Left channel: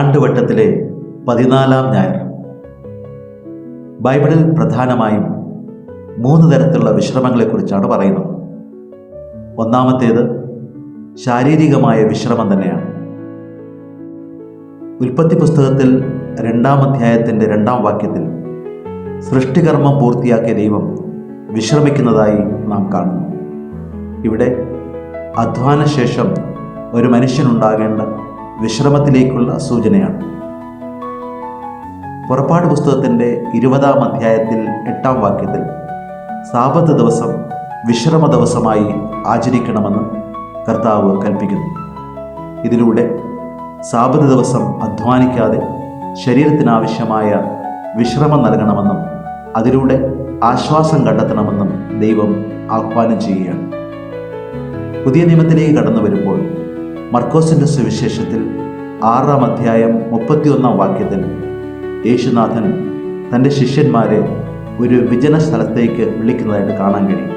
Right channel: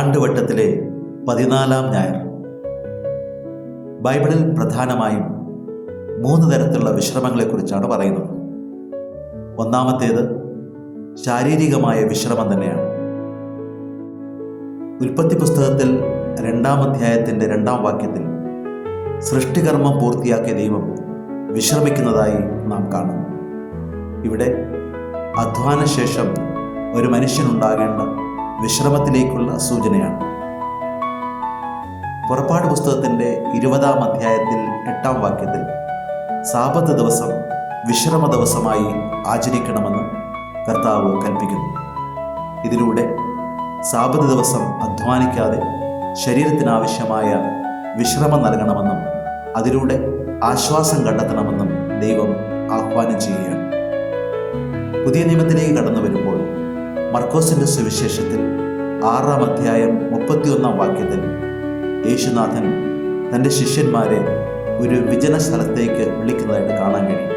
ആണ്ടുവട്ടത്തിലെ 14-ാം ഞായർ. ബൈബിളിൽ പ്രധാനമായും 3 തരത്തിലുള്ള വിശ്രമങ്ങളെക്കുറിച്ചാണ് പറയുന്നത്. ഒന്നാമത്തേത് ശാരീരികമായ വിശ്രമം തന്നെയാണ്. ഉൽപ്പത്തി പുസ്തകത്തിൽ 2-ാം അധ്യായത്തിൻ്റെ 2-ാം വാക്യത്തിൽ സൃഷ്ടികർമ്മം പൂർത്തിയാക്കിയ ദൈവം വിശ്രമിക്കുന്നതായി നാം കാണുന്നു. ഇവിടെ അധ്വാനശേഷം ഒരു മനുഷ്യനുണ്ടാകേണ്ട വിശ്രമത്തിലേക്കുള്ള സൂചനയാണ്. പുറപ്പാട് പുസ്തകത്തിൻ്റെ 20-ാം അധ്യായത്തിൽ 8-ാം വാക്യത്തിൽ സാബത്ത് ദിവസം വിശ്രമ ദിവസമായി ആചരിക്കണമെന്ന് കർത്താവ് കൽപ്പിക്കുന്നു. ഇതിലൂടെ സാബത്ത് ദിവസം അധ്വാനിക്കാതെ ശരീരത്തിനാവശ്യമായ വിശ്രമം നൽകണമെന്നും അതിലൂടെ ആശ്വാസം കണ്ടെത്തണമെന്നും ദൈവം ആഹ്വാനം ചെയ്യുകയാണ്. പുതിയ നിയമത്തിലേക്ക് കടന്നു വരുമ്പോൾ മർക്കോസിൻ്റെ സുവിശേഷത്തിൽ 6-ാം അധ്യായം 31-ാം വാക്യത്തിൽ യേശുനാഥൻ തൻ്റെ ശിഷ്യന്മാരെ ഒരു വിജന സ്ഥലത്തേക്ക് വിളിക്കുന്നതായിട്ട് കാണാൻ കഴിയും.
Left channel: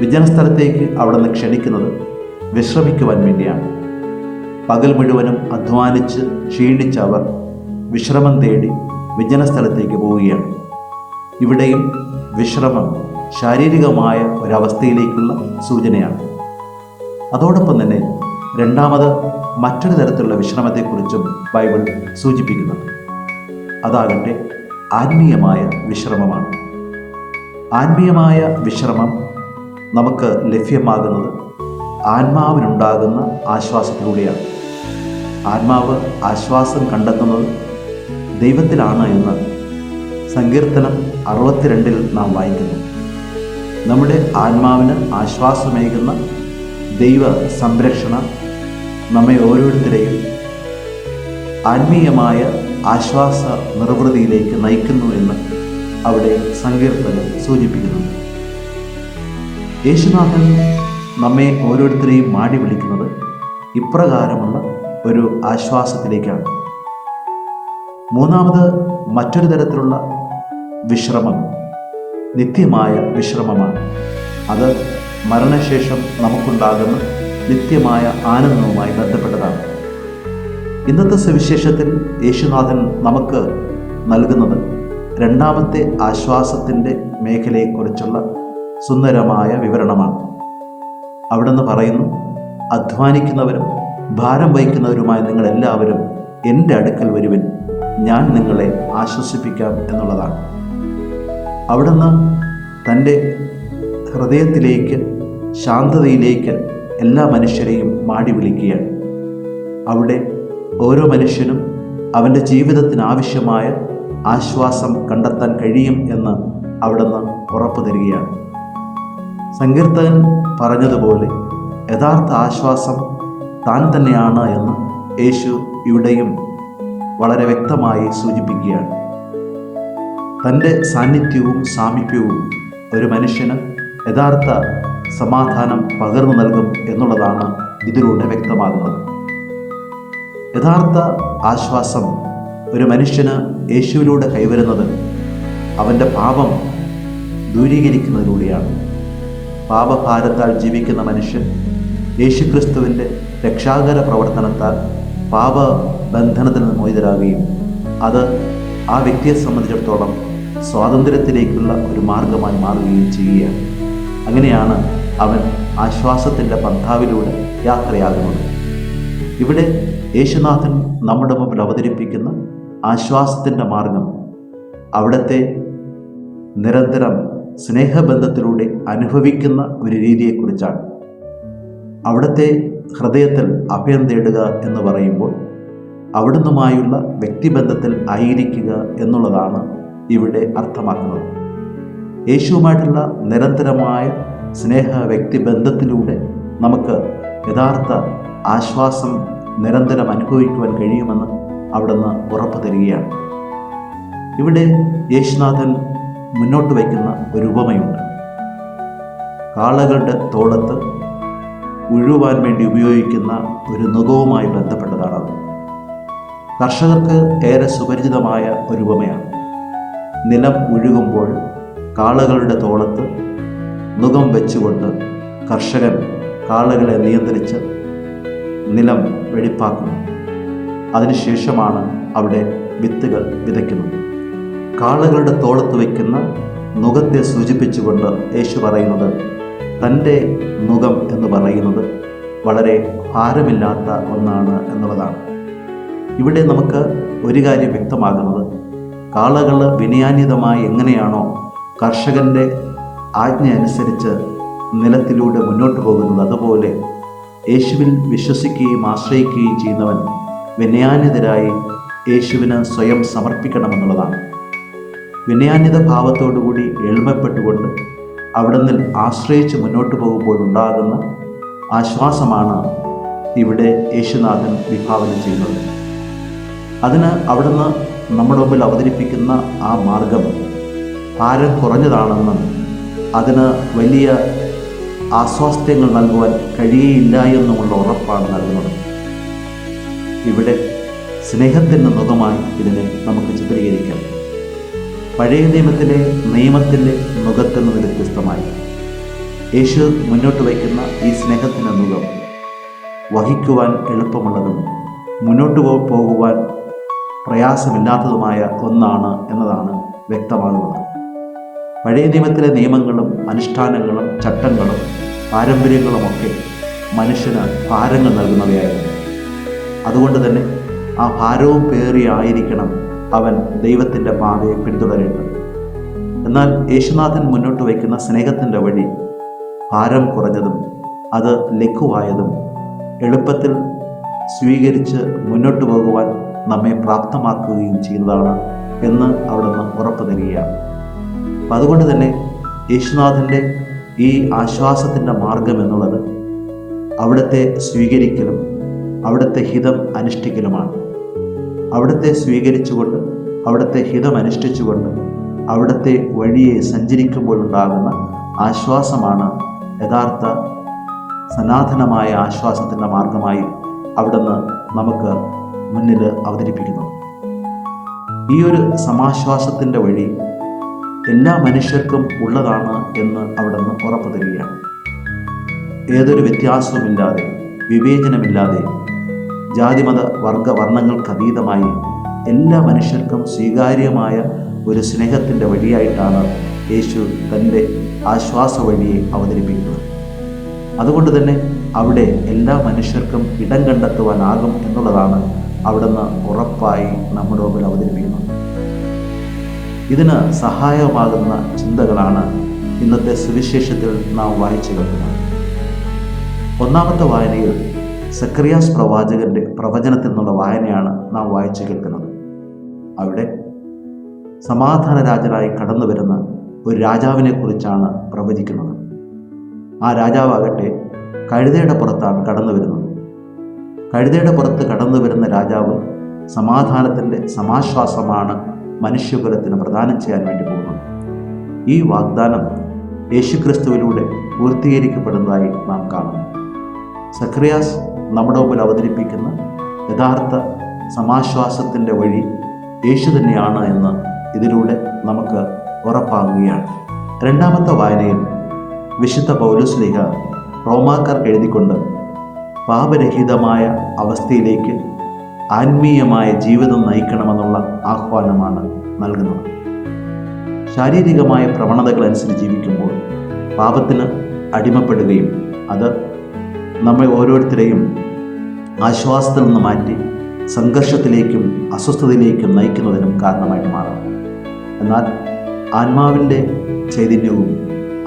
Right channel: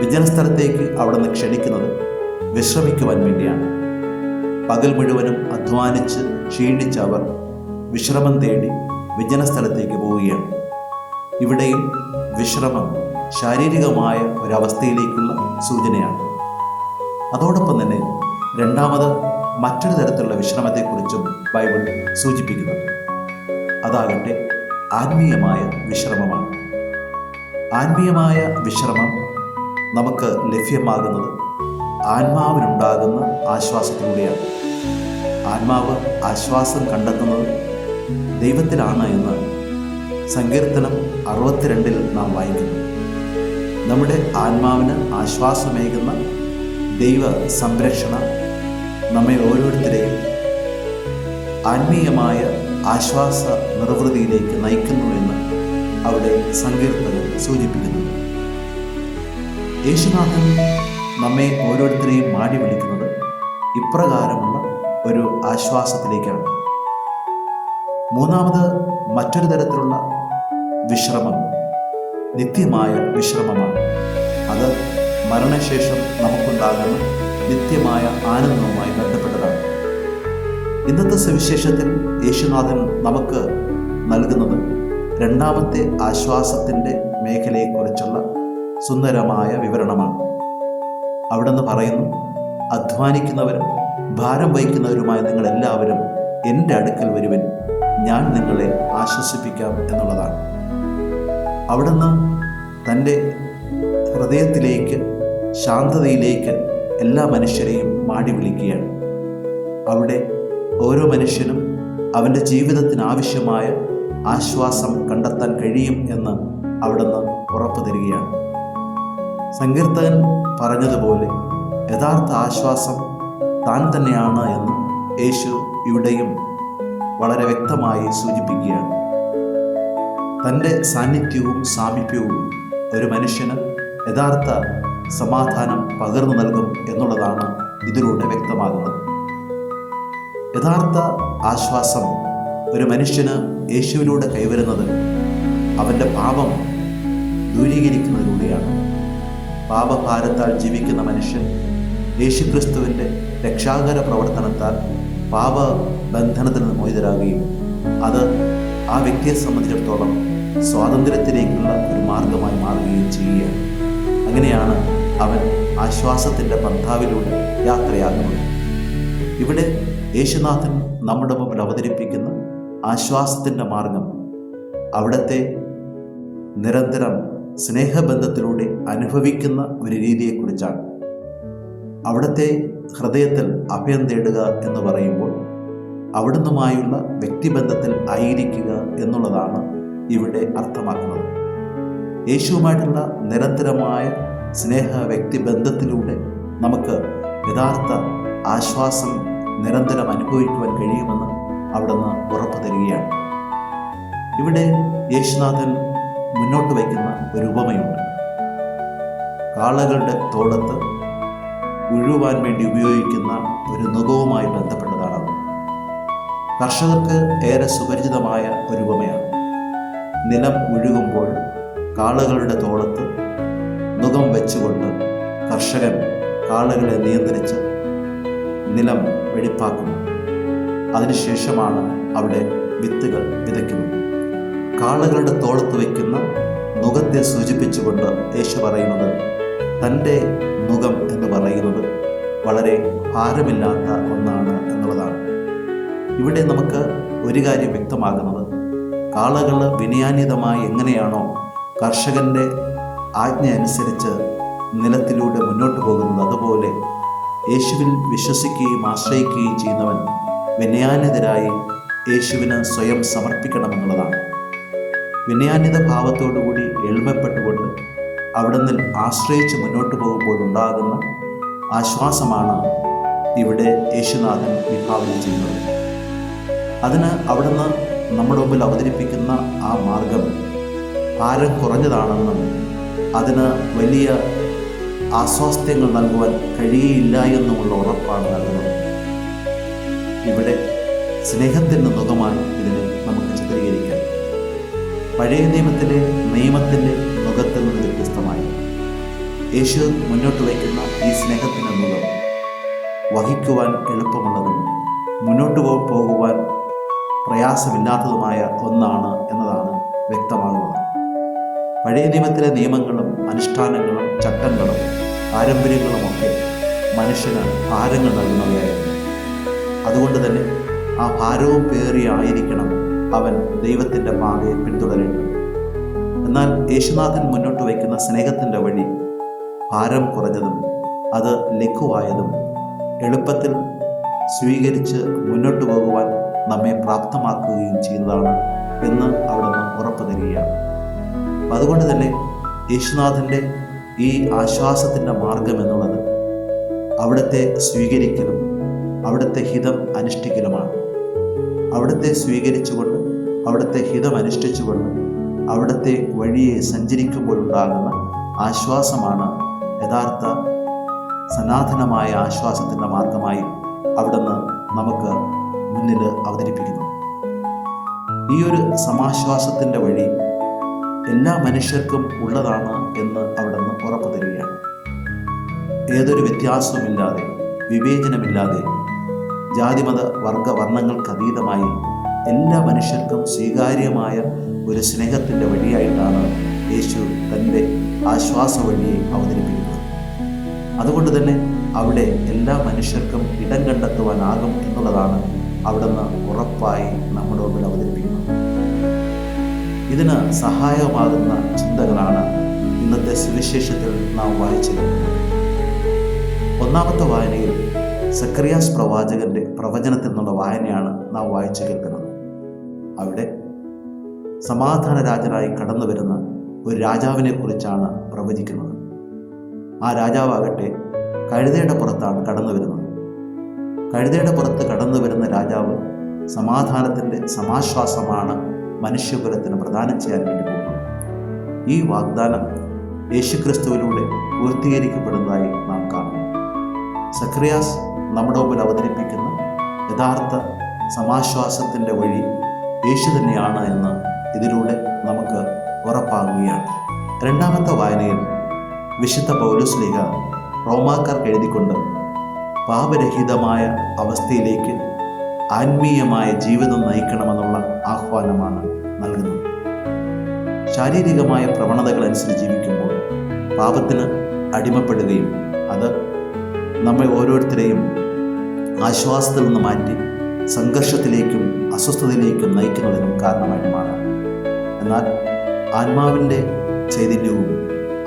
വിജന സ്ഥലത്തേക്ക് അവിടെ നിന്ന് ക്ഷണിക്കുന്നത് വിശ്രമിക്കുവാൻ വേണ്ടിയാണ്. പകൽ മുഴുവനും അധ്വാനിച്ച് ക്ഷീണിച്ച അവർ വിശ്രമം തേടി വിജന സ്ഥലത്തേക്ക് പോവുകയാണ്. ഇവിടെയും വിശ്രമം ശാരീരികമായ ഒരവസ്ഥയിലേക്കുള്ള സൂചനയാണ്. അതോടൊപ്പം തന്നെ രണ്ടാമത് മറ്റൊരു തരത്തിലുള്ള വിശ്രമത്തെക്കുറിച്ചും ബൈബിൾ സൂചിപ്പിക്കുന്നുണ്ട്. അതാകട്ടെ ആത്മീയമായ വിശ്രമമാണ്. ആത്മീയമായ വിശ്രമം നമുക്ക് ലഭ്യമാകുന്നത് ആത്മാവിനുണ്ടാകുന്ന ആശ്വാസത്തിലൂടെയാണ്. ആത്മാവ് ആശ്വാസം കണ്ടെത്തുന്നത് ദൈവത്തിലാണ് എന്ന് സങ്കീർത്തനം 62-ൽ നാം വായിക്കുന്നു. നമ്മുടെ ആത്മാവിന് ആശ്വാസമേകുന്ന ദൈവ സംരക്ഷണ നമ്മെ ഓരോരുത്തരെയും ആത്മീയമായ ആശ്വാസ നിർവൃതിയിലേക്ക് നയിക്കുന്നു എന്ന് അവിടെ സങ്കീർത്തനം സൂചിപ്പിക്കുന്നു. യേശുനാഥൻ നമ്മെ ഓരോരുത്തരെയും മാടി വിളിക്കുന്നത് ഇപ്രകാരമുള്ള ഒരു ആശ്വാസത്തിലേക്കാണ്. മൂന്നാമത് മറ്റൊരു തരത്തിലുള്ള വിശ്രമം നിത്യമായ വിശ്രമമാണ്. അത് മരണശേഷം നമുക്കുണ്ടാകുന്ന നിത്യമായ ആനന്ദവുമായി ബന്ധപ്പെട്ടതാണ്. ഇന്നത്തെ സുവിശേഷത്തിൽ യേശുനാഥൻ നമുക്ക് നൽകുന്നത് രണ്ടാമത്തെ ആശ്വാസത്തിൻ്റെ മേഖലയെക്കുറിച്ചുള്ള സുന്ദരമായ വിവരണമാണ്. അവിടുന്ന് പറയുന്നു, അധ്വാനിക്കുന്നവരും ഭാരം വഹിക്കുന്നവരുമായ നിങ്ങളെല്ലാവരും എൻ്റെ അടുക്കൽ വരുവിൻ, ഞാൻ നിങ്ങളെ ആശ്വസിപ്പിക്കാം എന്നുള്ളതാണ്. അവിടുന്ന് തൻ്റെ ഹൃദയത്തിലേക്ക് ശാന്തതയിലേക്ക് എല്ലാ മനുഷ്യരെയും മാടി വിളിക്കുകയാണ്. അവിടെ ഓരോ മനുഷ്യനും അവൻ്റെ ജീവിതത്തിന് ആവശ്യമായ ആശ്വാസം കണ്ടെത്താൻ കഴിയും എന്ന് അവിടുന്ന് ഉറപ്പു തരികയാണ്. സങ്കീർത്തകൻ പറഞ്ഞതുപോലെ യഥാർത്ഥ ആശ്വാസം താൻ തന്നെയാണ് എന്ന് യേശു ഇവിടെയും വളരെ വ്യക്തമായി സൂചിപ്പിക്കുകയാണ്. തൻ്റെ സാന്നിധ്യവും സാമീപ്യവും ഒരു മനുഷ്യന് യഥാർത്ഥ സമാധാനം പകർന്നു നൽകും എന്നുള്ളതാണ് ഇതിലൂടെ വ്യക്തമാകുന്നത്. യഥാർത്ഥ ആശ്വാസം ഒരു മനുഷ്യന് യേശുവിലൂടെ കൈവരുന്നത് അവൻ്റെ പാപം ദൂരീകരിക്കുന്നതിലൂടെയാണ്. പാപഭാരത്താൽ ജീവിക്കുന്ന മനുഷ്യൻ യേശുക്രിസ്തുവിൻ്റെ രക്ഷാകര പ്രവർത്തനത്താൽ പാപബന്ധനത്തിൽ നിന്ന് മോചിതരാകുകയും അത് ആ വ്യക്തിയെ സംബന്ധിച്ചിടത്തോളം സ്വാതന്ത്ര്യത്തിലേക്കുള്ള ഒരു മാർഗമായി മാറുകയും ചെയ്യുകയാണ്. അങ്ങനെയാണ് അവൻ ആശ്വാസത്തിൻ്റെ പന്ഥാവിലൂടെ യാത്രയാകുന്നത്. ഇവിടെ യേശുനാഥൻ നമ്മുടെ മുമ്പിൽ അവതരിപ്പിക്കുന്ന ആശ്വാസത്തിൻ്റെ മാർഗം അവിടുത്തെ നിരന്തരം സ്നേഹബന്ധത്തിലൂടെ അനുഭവിക്കുന്ന ഒരു രീതിയെക്കുറിച്ചാണ്. അവിടുത്തെ ഹൃദയത്തിൽ അഭയം തേടുക എന്ന് പറയുമ്പോൾ അവിടുന്നുമായുള്ള വ്യക്തിബന്ധത്തിൽ ആയിരിക്കുക എന്നുള്ളതാണ് ഇവിടെ അർത്ഥമാക്കുന്നത്. യേശുവുമായിട്ടുള്ള നിരന്തരമായ സ്നേഹ വ്യക്തിബന്ധത്തിലൂടെ നമുക്ക് യഥാർത്ഥ ആശ്വാസം നിരന്തരം അനുഭവിക്കുവാൻ കഴിയുമെന്ന് അവിടുന്ന് ഉറപ്പു തരികയാണ്. ഇവിടെ യേശുനാഥൻ മുന്നോട്ട് വയ്ക്കുന്ന ഒരു ഉപമയുണ്ട്. കാളകളുടെ തോളത്ത് ഉഴുവാൻ വേണ്ടി ഉപയോഗിക്കുന്ന ഒരു നുകവുമായി ബന്ധപ്പെട്ടതാണ്. കർഷകർക്ക് ഏറെ സുപരിചിതമായ ഒരു ഉപമയാണ്. നിലം ഉഴുകുമ്പോൾ കാളകളുടെ തോളത്ത് നുകം വെച്ചുകൊണ്ട് കർഷകൻ കാളകളെ നിയന്ത്രിച്ച് നിലം വെടിപ്പാക്കുന്നു. അതിനുശേഷമാണ് അവിടെ വിത്തുകൾ വിതയ്ക്കുന്നത്. കാളകളുടെ തോളത്ത് വയ്ക്കുന്ന നുകത്തെ സൂചിപ്പിച്ചുകൊണ്ട് യേശു പറയുന്നത് തൻ്റെ നുകം എന്ന് പറയുന്നത് വളരെ ഭാരമില്ലാത്ത ഒന്നാണ് എന്നുള്ളതാണ്. ഇവിടെ നമുക്ക് ഒരു കാര്യം വ്യക്തമാകുന്നത്, കാളകൾ വിനയാന്വിതമായി എങ്ങനെയാണോ കർഷകൻ്റെ ആജ്ഞ അനുസരിച്ച് നിലത്തിലൂടെ മുന്നോട്ട് പോകുന്നത്, അതുപോലെ യേശുവിൽ വിശ്വസിക്കുകയും ആശ്രയിക്കുകയും ചെയ്യുന്നവൻ വിനയാന്വിതരായി യേശുവിന് സ്വയം സമർപ്പിക്കണമെന്നുള്ളതാണ്. വിനയാന്വിത ഭാവത്തോടുകൂടി എളിമപ്പെട്ടുകൊണ്ട് അവിടുന്ന് ആശ്രയിച്ച് മുന്നോട്ട് പോകുമ്പോൾ ഉണ്ടാകുന്ന ആശ്വാസമാണ് ഇവിടെ യേശുനാഥൻ വിഭാവനം ചെയ്യുന്നത്. അതിന് അവിടുന്ന് നമ്മുടെ മുമ്പിൽ അവതരിപ്പിക്കുന്ന ആ മാർഗം ഭാരം കുറഞ്ഞതാണെന്നും അതിന് വലിയ ആസ്വാസ്ഥ്യങ്ങൾ നൽകുവാൻ കഴിയുകയില്ല എന്നുമുള്ള ഉറപ്പാണ് നൽകുന്നത്. ഇവിടെ സ്നേഹത്തിൻ്റെ നുകമായി ഇതിനെ നമുക്ക് ചിത്രീകരിക്കാം. പഴയ നിയമത്തിൻ്റെ നുകത്തിൽ നിന്ന് വ്യത്യസ്തമായി യേശു മുന്നോട്ട് വയ്ക്കുന്ന ഈ സ്നേഹത്തിൻ്റെ നുകം വഹിക്കുവാൻ എളുപ്പമുള്ളതും മുന്നോട്ട് പോകുവാൻ പ്രയാസമില്ലാത്തതുമായ ഒന്നാണ് എന്നതാണ് വ്യക്തമാകുന്നത്. പഴയ നിയമത്തിലെ നിയമങ്ങളും അനുഷ്ഠാനങ്ങളും ചട്ടങ്ങളും പാരമ്പര്യങ്ങളുമൊക്കെ മനുഷ്യന് ഭാരങ്ങൾ നൽകുന്നവയായിരുന്നു. അതുകൊണ്ട് തന്നെ ആ ഭാരവും പേറിയായിരിക്കണം അവൻ ദൈവത്തിൻ്റെ പാതയെ പിന്തുടരേണ്ടത്. എന്നാൽ യേശുനാഥൻ മുന്നോട്ട് വയ്ക്കുന്ന സ്നേഹത്തിൻ്റെ വഴി ഭാരം കുറഞ്ഞതും അത് ലഘുവായതും എളുപ്പത്തിൽ സ്വീകരിച്ച് മുന്നോട്ട് പോകുവാൻ നമ്മെ പ്രാപ്തമാക്കുകയും ചെയ്യുന്നതാണ് എന്ന് അവിടുന്ന് ഉറപ്പ് തരികയാണ്. അതുകൊണ്ട് തന്നെ യേശുനാഥൻ്റെ ഈ ആശ്വാസത്തിൻ്റെ മാർഗം എന്നുള്ളത് അവിടുത്തെ സ്വീകരിക്കലും അവിടുത്തെ ഹിതം അനുഷ്ഠിക്കലുമാണ്. അവിടുത്തെ സ്വീകരിച്ചുകൊണ്ട് അവിടുത്തെ ഹിതം അനുഷ്ഠിച്ചുകൊണ്ട് അവിടുത്തെ വഴിയെ സഞ്ചരിക്കുമ്പോഴുണ്ടാകുന്ന ആശ്വാസമാണ് യഥാർത്ഥ സനാതനമായ ആശ്വാസത്തിൻ്റെ മാർഗമായി അവിടുന്ന് നമുക്ക് മുന്നിൽ അവതരിപ്പിക്കുന്നത്. ഈ ഒരു സമാശ്വാസത്തിൻ്റെ വഴി എല്ലാ മനുഷ്യർക്കും ഉള്ളതാണ് എന്ന് അവിടുന്ന് ഉറപ്പു തരികയാണ്. ഏതൊരു വ്യത്യാസവുമില്ലാതെ, വിവേചനമില്ലാതെ, ജാതിമത വർഗ വർണ്ണങ്ങൾക്കതീതമായി എല്ലാ മനുഷ്യർക്കും സ്വീകാര്യമായ ഒരു സ്നേഹത്തിൻ്റെ വഴിയായിട്ടാണ് യേശു തൻ്റെ ആശ്വാസ വഴിയെ അവതരിപ്പിക്കുന്നത്. അതുകൊണ്ട് തന്നെ അവിടെ എല്ലാ മനുഷ്യർക്കും ഇടം കണ്ടെത്തുവാനാകും എന്നുള്ളതാണ് അവിടുന്ന് ഉറപ്പായി നമ്മുടെ മുമ്പിൽ അവതരിപ്പിക്കുന്നത്. ഇതിന് സഹായമാകുന്ന ചിന്തകളാണ് ഇന്നത്തെ സുവിശേഷത്തിൽ നാം വായിച്ചു കേൾക്കുന്നത്. ഒന്നാമത്തെ വായനയിൽ സക്കറിയാസ് പ്രവാചകന്റെ പ്രവചനത്തിൽ നിന്നുള്ള വായനയാണ് നാം വായിച്ചു കേൾക്കുന്നത്. അവിടെ സമാധാന രാജനായി കടന്നു വരുന്ന ഒരു രാജാവിനെ കുറിച്ചാണ് പ്രവചിക്കുന്നത്. ആ രാജാവാകട്ടെ കഴുതയുടെ പുറത്താണ് കടന്നു വരുന്നത്. കഴുതയുടെ പുറത്ത് കടന്നു വരുന്ന രാജാവ് സമാധാനത്തിൻ്റെ സമാശ്വാസമാണ് മനുഷ്യകുലത്തിന് പ്രദാനം ചെയ്യാൻ വേണ്ടി പോകുന്നത്. ഈ വാഗ്ദാനം യേശുക്രിസ്തുവിലൂടെ പൂർത്തീകരിക്കപ്പെടുന്നതായി നാം കാണുന്നു. സക്കറിയാസ് നമ്മുടെ മുമ്പിൽ അവതരിപ്പിക്കുന്ന യഥാർത്ഥ സമാശ്വാസത്തിൻ്റെ വഴി യേശു തന്നെയാണ് എന്ന് ഇതിലൂടെ നമുക്ക് ഉറപ്പാകുകയാണ്. രണ്ടാമത്തെ വായനയിൽ വിശുദ്ധ പൗലോസ്ലീഹ റോമാക്കാർക്ക് എഴുതിക്കൊണ്ട് പാപരഹിതമായ അവസ്ഥയിലേക്ക് ആത്മീയമായ ജീവിതം നയിക്കണമെന്നുള്ള ആഹ്വാനമാണ് നൽകുന്നത്. ശാരീരികമായ പ്രവണതകൾ അനുസരിച്ച് ജീവിക്കുമ്പോൾ പാപത്തിന് അടിമപ്പെടുകയും അത് നമ്മെ ഓരോരുത്തരെയും ആശ്വാസത്തിൽ നിന്ന് മാറ്റി സംഘർഷത്തിലേക്കും അസ്വസ്ഥതയിലേക്കും നയിക്കുന്നതിനും കാരണമായിട്ട് മാറാം. എന്നാൽ ആത്മാവിൻ്റെ ചൈതന്യവും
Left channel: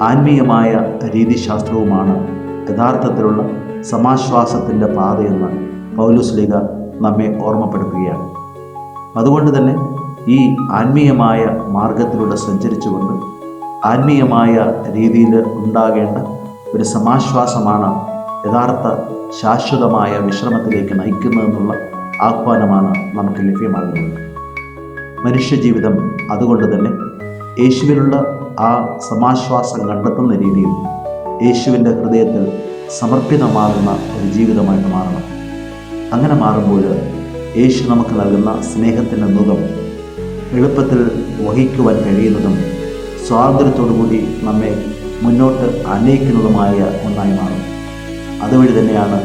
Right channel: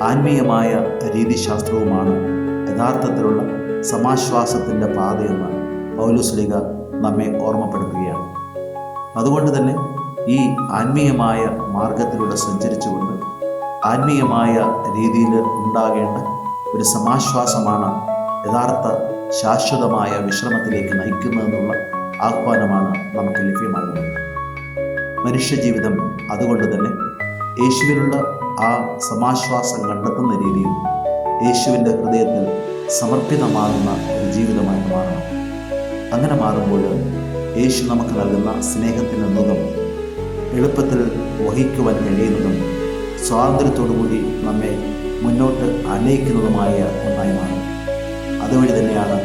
ആത്മീയമായ രീതിശാസ്ത്രവുമാണ് യഥാർത്ഥത്തിലുള്ള സമാശ്വാസത്തിൻ്റെ പാതയെന്ന് പൗലോസ്ലീഹ നമ്മെ ഓർമ്മപ്പെടുത്തുകയാണ്. അതുകൊണ്ട് തന്നെ ഈ ആത്മീയമായ മാർഗത്തിലൂടെ സഞ്ചരിച്ചുകൊണ്ട് ആത്മീയമായ രീതിയിൽ ഉണ്ടാകേണ്ട ഒരു സമാശ്വാസമാണ് യഥാർത്ഥ ശാശ്വതമായ വിശ്രമത്തിലേക്ക് നയിക്കുന്നതെന്നുള്ള ആഹ്വാനമാണ് നമുക്ക് ലഭ്യമാകുന്നത്. മനുഷ്യജീവിതം അതുകൊണ്ട് തന്നെ യേശുവിനുള്ള ആ സമാശ്വാസം കണ്ടെത്തുന്ന രീതിയിൽ യേശുവിൻ്റെ ഹൃദയത്തിൽ സമർപ്പിതമാകുന്ന ഒരു ജീവിതമായിട്ട് മാറണം. അങ്ങനെ മാറുമ്പോൾ യേശു നമുക്ക് നൽകുന്ന സ്നേഹത്തിൻ്റെ നുകം എളുപ്പത്തിൽ വഹിക്കുവാൻ കഴിയുന്നതും സ്വാതന്ത്ര്യത്തോടുകൂടി നമ്മെ മുന്നോട്ട് അനയിക്കുന്നതുമായ ഒന്നായി മാറും. അതുവഴി തന്നെയാണ്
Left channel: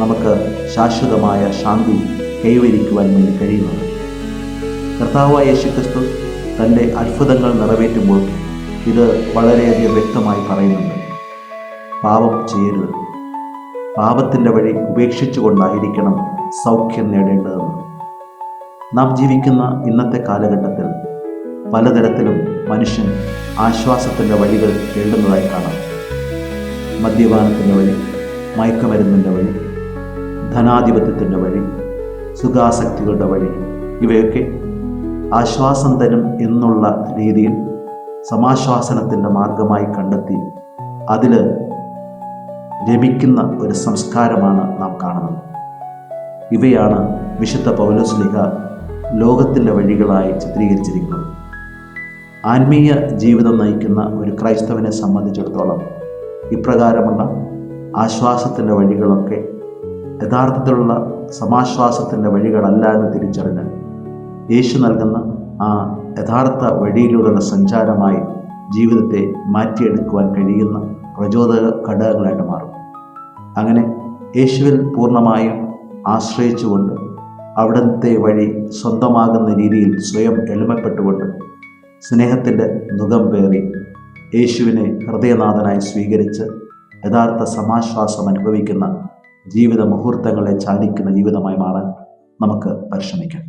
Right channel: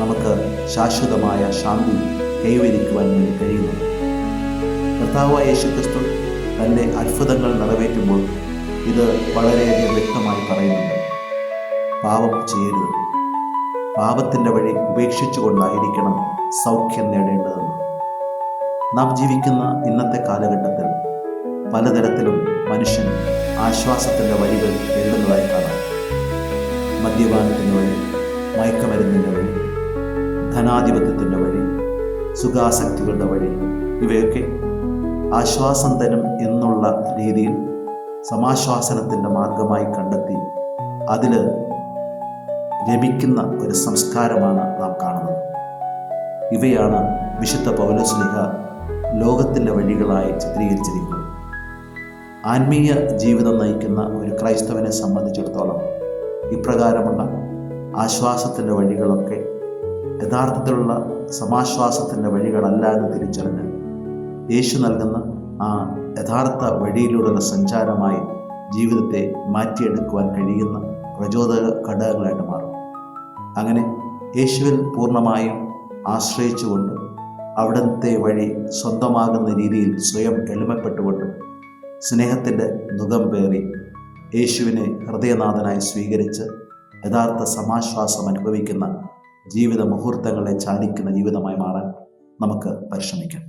നമുക്ക് ശാശ്വതമായ ശാന്തി കൈവരിക്കുവാൻ വേണ്ടി കഴിയുന്നത്. കർത്താവായ യേശുക്രിസ്തു തൻ്റെ അത്ഭുതങ്ങൾ നിറവേറ്റുമ്പോൾ ഇത് വളരെയധികം വ്യക്തമായി പറയുന്നുണ്ട്. പാപം ചെയ്യരുത്, പാപത്തിൻ്റെ വഴി ഉപേക്ഷിച്ചുകൊണ്ടായിരിക്കണം സൗഖ്യം നേടേണ്ടതെന്ന്. നാം ജീവിക്കുന്ന ഇന്നത്തെ കാലഘട്ടത്തിൽ പലതരത്തിലും മനുഷ്യൻ ആശ്വാസത്തിൻ്റെ വഴികൾ തേടുന്നതായി കാണാം. മദ്യപാനത്തിൻ്റെ വഴി, മയക്കുമരുന്നിൻ്റെ വഴി, ധനാധിപത്യത്തിൻ്റെ വഴി, സുഖാസക്തികളുടെ വഴി, ഇവയൊക്കെ ആശ്വാസം തരും എന്നുള്ള രീതിയിൽ സമാശ്വാസനത്തിൻ്റെ മാർഗമായി കണ്ടെത്തി അതിൽ രമിക്കുന്ന ഒരു സംസ്കാരമാണ് നാം കാണുന്നത്. ഇവയാണ് വിശുദ്ധ പൗലോസ്ലീഹ ലോകത്തിൻ്റെ വഴികളായി ചിത്രീകരിച്ചിരിക്കുന്നത്. ആത്മീയ ജീവിതം നയിക്കുന്ന ഒരു ക്രൈസ്തവനെ സംബന്ധിച്ചിടത്തോളം ഇപ്രകാരമുള്ള ആശ്വാസത്തിൻ്റെ വഴികളൊക്കെ യഥാർത്ഥത്തിലുള്ള സമാശ്വാസത്തിൻ്റെ വഴികളല്ല എന്ന് തിരിച്ചറിഞ്ഞ് യേശു നൽകുന്ന ആ യഥാർത്ഥ വഴിയിലൂടെയുള്ള സഞ്ചാരമായി ജീവിതത്തെ മാറ്റിയെടുക്കുവാൻ കഴിയുന്ന പ്രചോദക ഘടകങ്ങളായിട്ട് മാറും. അങ്ങനെ യേശുവിൽ പൂർണ്ണമായും ആശ്രയിച്ചുകൊണ്ട് അവിടുത്തെ വഴി സ്വന്തമാകുന്ന രീതിയിൽ സ്വയം എളിമപ്പെട്ടുകൊണ്ട് സ്നേഹത്തിൻ്റെ മുഖം പേറി യേശുവിനെ ഹൃദയനാഥനായി സ്വീകരിച്ച് യഥാർത്ഥ സമാശ്വാസം അനുഭവിക്കുന്ന ജീവിത മുഹൂർത്തങ്ങളെ ചാലിക്കുന്ന ജീവിതമായി മാറാൻ നമുക്ക് പരിശ്രമിക്കാം.